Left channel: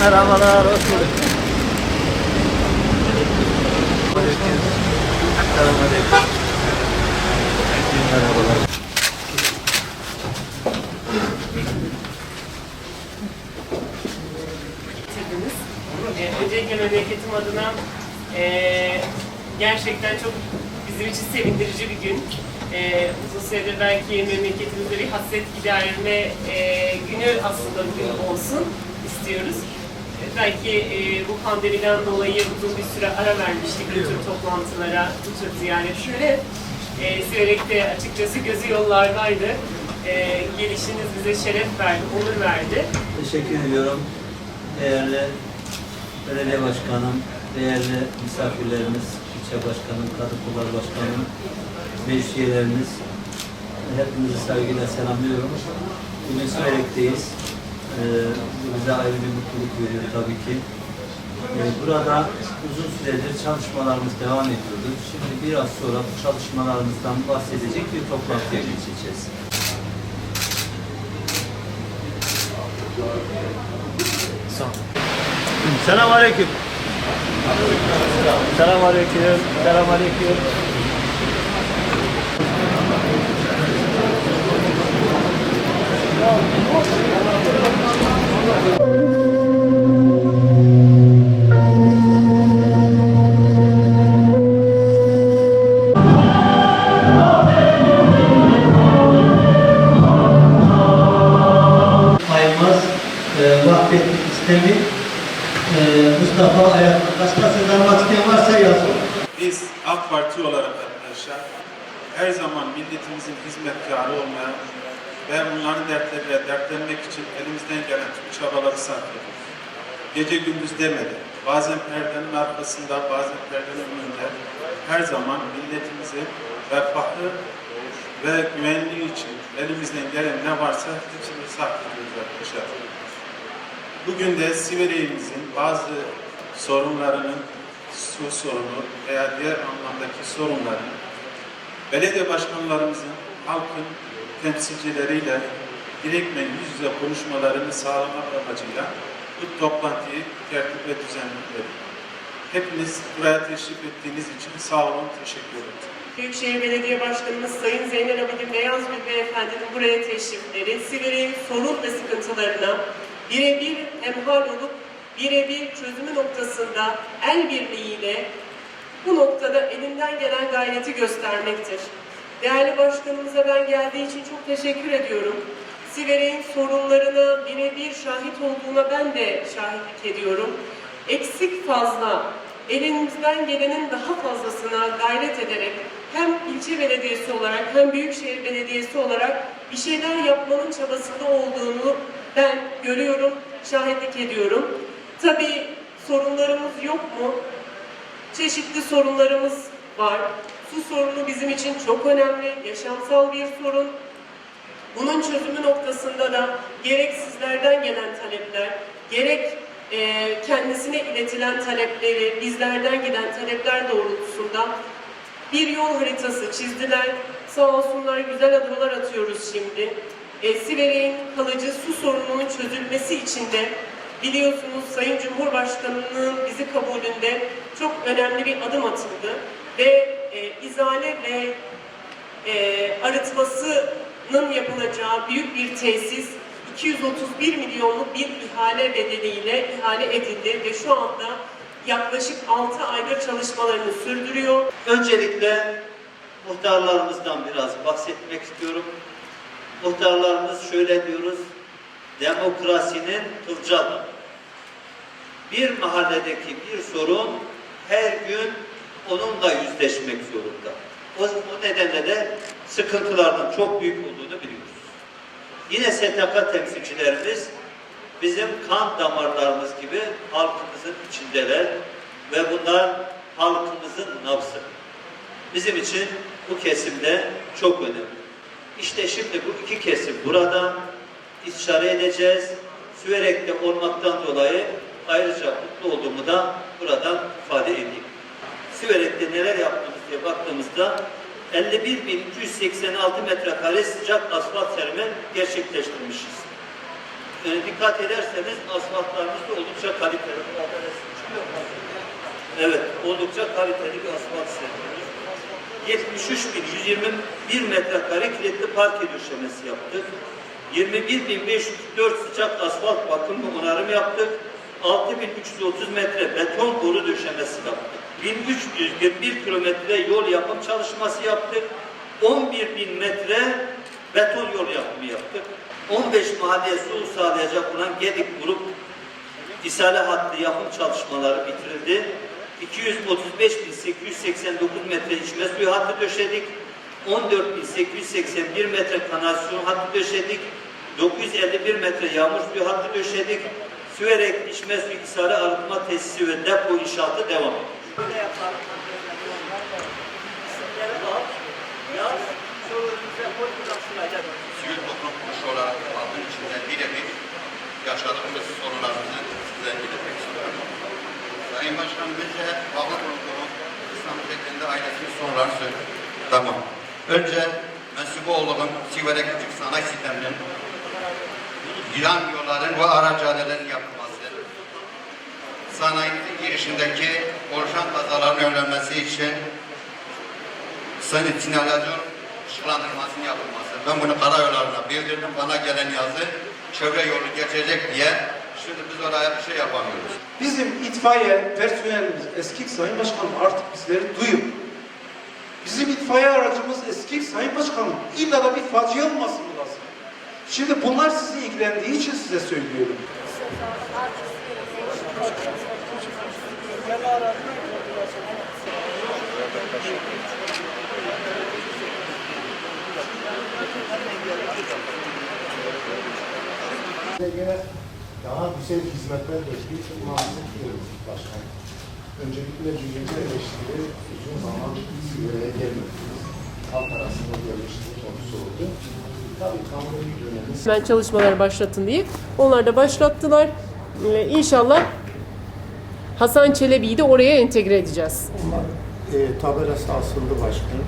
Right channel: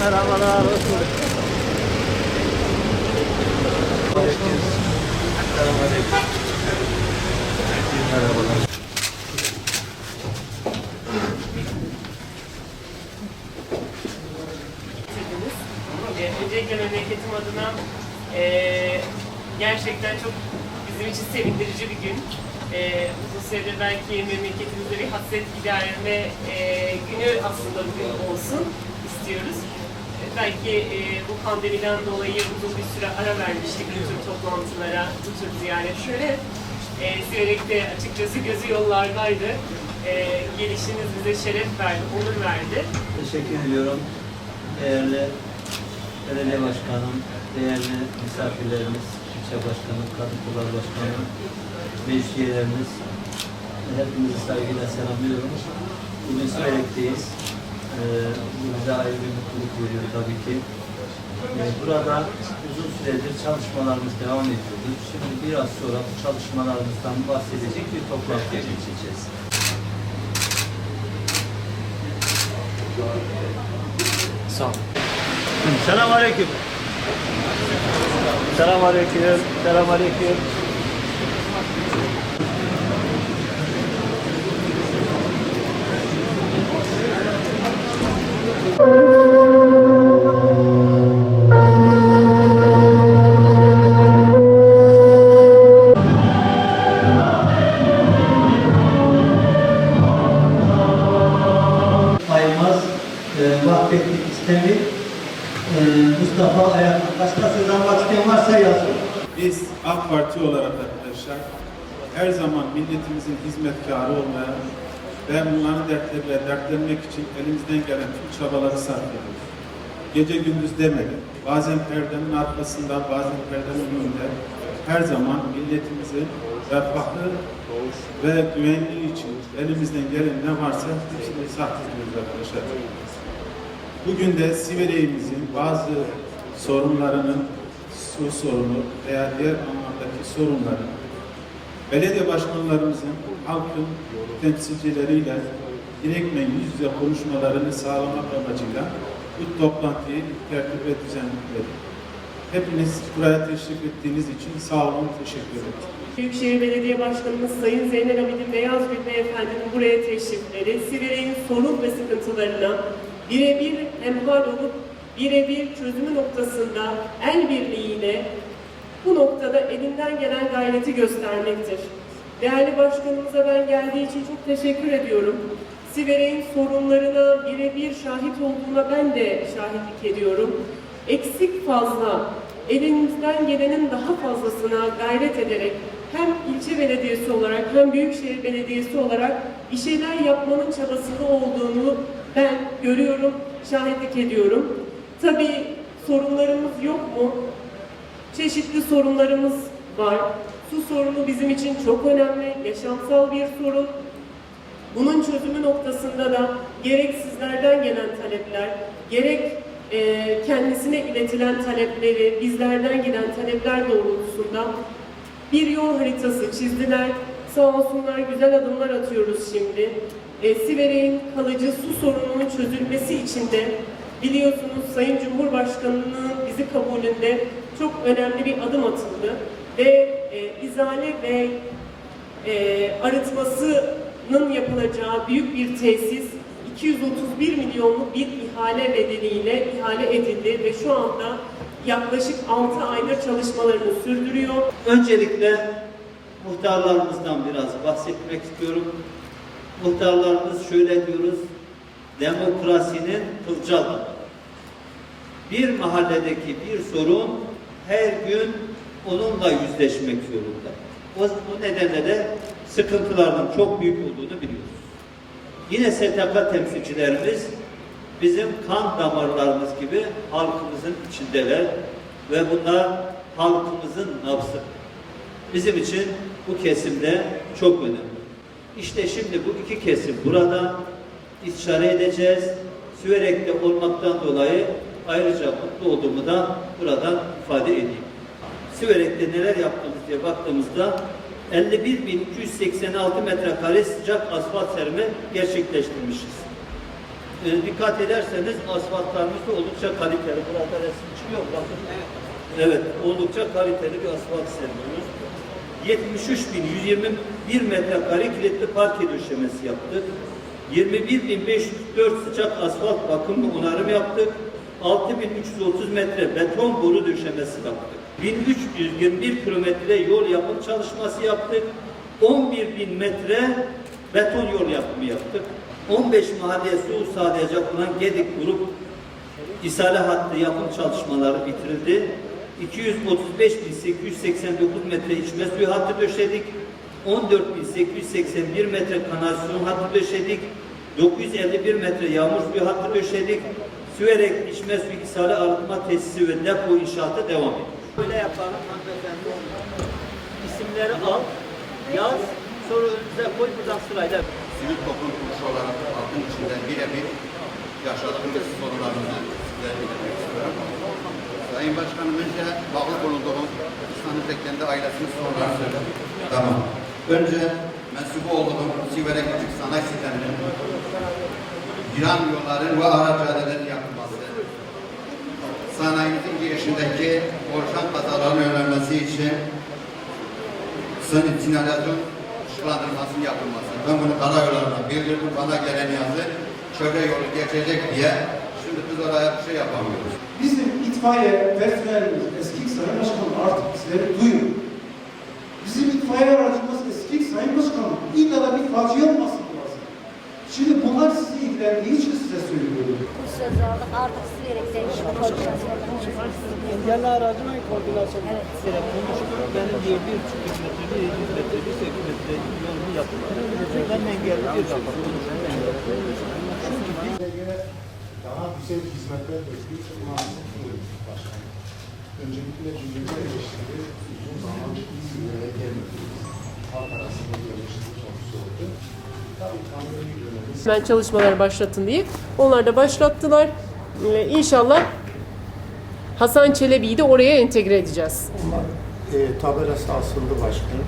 Merhabalar, hoş bulduk. Merhabalar. öncelikle memleketim adına ee, gerçekten çok bizim için sevindirici bir gün. Ee, uzun süredir belki memleketimizde bir hasret giderme ee, günü aslında bugün olsun istiyoruz. Belki ee, bu pandemiden dolayı uzun bir süre ara vermiştik bu tür toplantılara, bu tür ziyaretlere. Ee, Siverek'te açıkçası gözü yollardaydı. Ee, gelişiniz bize şeref verdi, onur verdi. Teşekkür ediyorum. Değerli belediye başkanım, değerli misafirlerimiz, ilçe başkanım, kadın kolları başkanım, meclis üyelerimiz, hepinizi saygıyla selamlıyorum. Bugün Sürek'teyiz. Ee, bize ayrı bir mutluluk veriyor tabii ki. Ee, burada uzun süredir çalışmalarımız devam ediyordu. Şimdi biraz sonra bu çalışmalarımızdan bahsedecek bir toplantıya geçeceğiz. Selam aleyküm. Selam aleyküm. Selam aleyküm. Parti olarak arkadaşlar her zaman milletimizin hizmetkarı olmaya ve onların dertleriyle dertlenmek için elimizden gelen tüm çabaları sarf ediyoruz. Gece gündüz demedi. Bazen perdenin arkasında, bazen perdenin önünde her zaman milletimizin refahı ve güvenliği için elimizden gelen ne varsa hepsini sarf ediyoruz arkadaşlar. Bugün de Siverek'imizin bazı sorunlarının su sorunu veya diğer anlamdaki sorunları belediye başkanlarımızın halkın temsilcileriyle direktmen yüz yüze konuşmalarını sağlamak amacıyla bu toplantıyı tertip ve düzenledik. Hepiniz buraya teşrif ettiğiniz için sağ olun, teşekkür ederim. Büyükşehir Belediye Başkanımız Sayın Zeynel Abidin Beyazgül Beyefendi'nin buraya teşrifleri, Siverek'in sorun ve sıkıntılarına birebir hemhal olup birebir çözümü noktasında el birliğiyle bu noktada elinden gelen gayreti göstermektir. Değerli başkanımıza ben geldiği için çok teşekkür ediyorum. Siverek'in sorunlarına birebir şahit olduğuna ben de şahitlik ediyorum. Eksik fazla, elimizden gelenin daha fazlasına gayret ederek hem ilçe belediyesi olarak hem büyükşehir belediyesi olarak bir şeyler yapmanın çabasında olduğunu ben görüyorum, şahitlik ediyorum. Tabii sorunlarımız yok mu? Çeşitli sorunlarımız var. Su sorunu bizim için çok önemli, yaşamsal bir sorun. Bunun çözümü noktasında da gerek sizlerden gelen talepler, gerek e, kendisine iletilen talepleri, bizlerden giden talepler doğrultusunda bir yol haritası çizdiler. Sağ olsunlar güzel adımlar atıyoruz şimdi. E, Siverek'in kalıcı su sorununun çözülmesi için de biliyorsunuz Sayın Cumhurbaşkanı'nın bizi kabulünde çok önemli bir adım atıldı. Ve e, izale ve e, arıtmasının yapılacağı büyük bir tesis 231 milyonluk bir ihale bedeliyle ihale edildi ve şu anda yaklaşık 6 aydır çalışmalarını sürdürüyor. Öncelikle muhtarlarımızdan biraz bahsetmek istiyorum. Muhtarlarımız şöyle diyoruz, demokrasinin turcal. Bir mahalledeki bir sorun her gün onunla yüzleşmek zorunda. O, o nedenle de sıkıntıların çok büyük olduğunu biliyoruz. Yine STK temsilcilerimiz bizim kan damarlarımız gibi halkımızın içindeler ve bunlar halkımızın nabzı. Bizim için bu kesimde çok önemli. İşte şimdi bu iki kesim burada istişare edeceğiz. Süverek'te olmaktan dolayı ayrıca mutlu olduğumu da burada ifade edeyim. Süverek'te neler yaptığımız diye baktığımızda 51.286 metrekare sıcak asfalt serimi gerçekleştirmişiz. e, dikkat ederseniz asfaltlarımız da oldukça kaliteli. Burada resim çıkıyor? Bakın. Evet, oldukça kaliteli bir asfalt seriyoruz. 73.121 metrekare kilitli parke döşemesi yaptık. 21.504 sıcak asfalt bakım ve onarım yaptık. 6.330 metre beton boru döşemesi yaptık. 1321 kilometre yol yapım çalışması yaptık. 11.000 metre beton yol yapımı yaptık. 15 mahalleye su sağlayacak olan Gedik grup İsale hattı yapım çalışmaları bitirildi. 235.889 metre içme suyu hattı döşedik. 14.881 metre kanalizasyon hattı döşedik. 951 metre yağmur suyu hattı döşedik. Süverek içme suyu İsale arıtma tesisi ve depo inşaatı devam ediyor. Böyle yapalım hanımefendi. İsimleri al, yaz, sonra önümüze koy buradan sırayla. sivil toplum kuruluşu olarak halkın içinde birebir yaşadığımız sorunlarımızı. Sayın Başkanım önce bağlı bulunduğum İstanbul Bekler'de ailesinin soruları söyledi. Tamam. Önce mensubu olduğum küçük sanayi sisteminin viran yolların ve araç cadelerin yapılması, sanayimizin girişindeki oluşan kazaların önlenmesi için sınıf sinyalizasyon ışıklandırmasının yapılması. Ben bunu karayollarına bildirdim. Bana gelen yazı çevre yolu geçecek diye. Şimdi biz oraya bir şey yapamıyoruz. Bizim itfaiye personelimiz eski Sayın Başkanım artık bizleri duyun. Bizim itfaiye aracımız eski Sayın Başkanım. İlla da bir fatih olmasın. Şimdi bunlar sizi ilgilendiği için size söylüyorum. Engelli koordinasyon bir bir daha güzel hizmetler bekliyor. Maalesef diyoruz başkanım. Öncelikle birinci eleştiri uzun zaman Sivra'ya gelmediğimiz. Halk arasında bir eleştiri Ben çalışmalar başlatın diye. Onlar da başlattılar. Ee, İnşallah Hasan Çelebi'yi de oraya entegre edeceğiz. e, tabelası asıldı başkanım.